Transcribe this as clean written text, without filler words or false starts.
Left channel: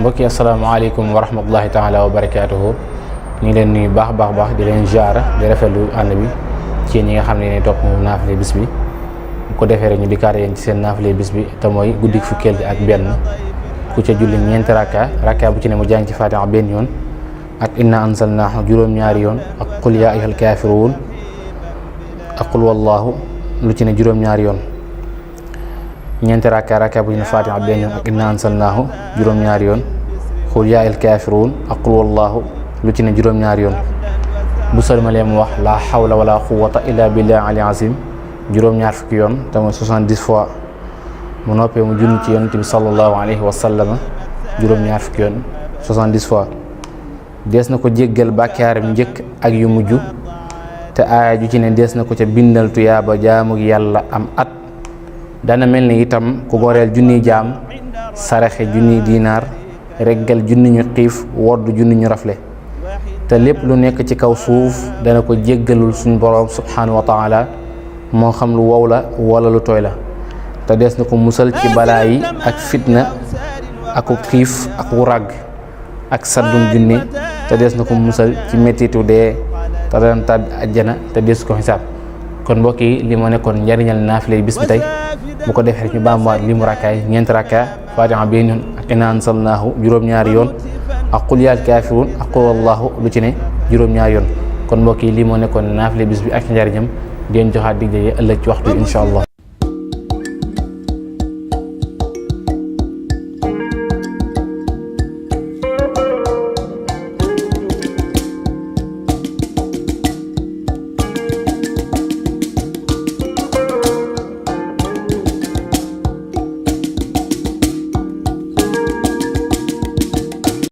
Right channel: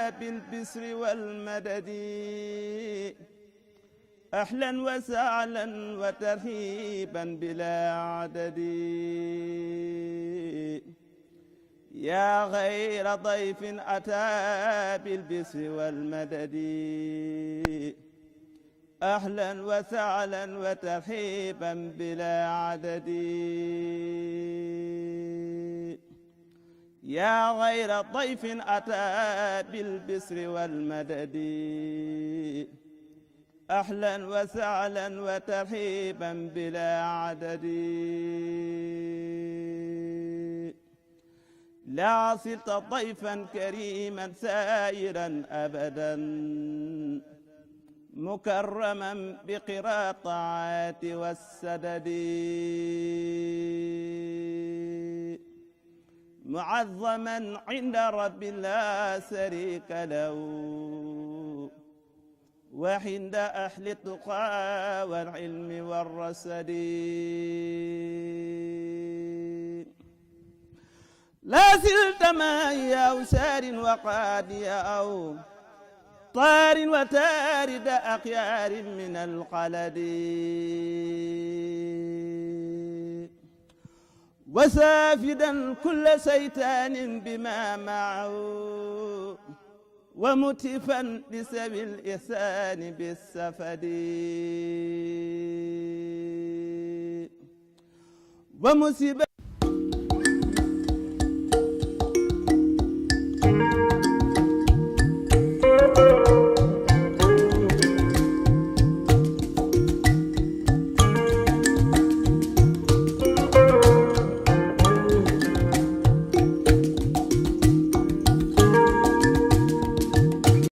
mbokki asalaamaaleykum wa rahmatullahi taala wa barakaatuhu. ñu ngi leen nuyu baax di leen ziara di rafetlu ànd bi ci ñi nga xam ne yéen topp moom naafile bis bi bu ko defee rek ñu dikkaat yéen ci seen naafile bis bi te mooy guddi fukkeel gi ak benn ku ca julli ñeenti rakka bu ci ne mu jàng ci Faatiha benn yoon ak inna anzalnaahu juróom-ñaari yoon ak qul yaa ayyuhal kaafiruun ak qul wallaahu lu ci ne juróom-ñaari yoon. ñeenti rakka bu ñu Faatiha benn yoon ak inna anzalnaahu juróom-ñaari yoon qul yaa ayyuhal kaafiruun ak qul wallaahu lu ci ne juróom-ñaari yoon. bu sëlmalee mu wax laa hawla wala quwwata illa billahi al azim juróom-ñaar fukki yoon te mooy 70 fois. mu noppee mu junni ci yonent bi sallallahu alayhi wa sallam juróom-ñaar fukki yoon 70 fois. dees na ko jéggal bàkkaaram njëkk ak yu mujj te aaya ju ci ne dees na ko ca bindal tuyaaba jaamu yàlla am at. dana mel ni itam ku goreel junniy jaam saraxe junniy diinaar reggal junni ñu xiif wodd junni ñu rafle te lépp lu nekk ci kaw suuf dana ko jéggalul suñ boroom subhanahu wa taala moo xam lu wow la wala lu tooy la te dees na ko musal ci balaa yi ak fitna aku xiif ak wu ràgg ak saddum junni te dees na ko musal ci mettitu dee te dana tàdd ajjana te dees ko xisaab. kon mbokk yi li moo nekkoon njariñal naafile bis bi tey bu ko defee ñu baamuwaat li mu rakkaay ñeenti rakka Faatiha benn yoon ak inna anzalnaahu juróom-ñaari yoon ak qul yaa kaafiruun ak qul wallaahu lu ci ne juróom-ñaari yoon. kon mbokk yi li moo nekkoon naafile bis bi ak njariñam di leen joxaat dig daje ëllëg ci waxtu bi incha allah.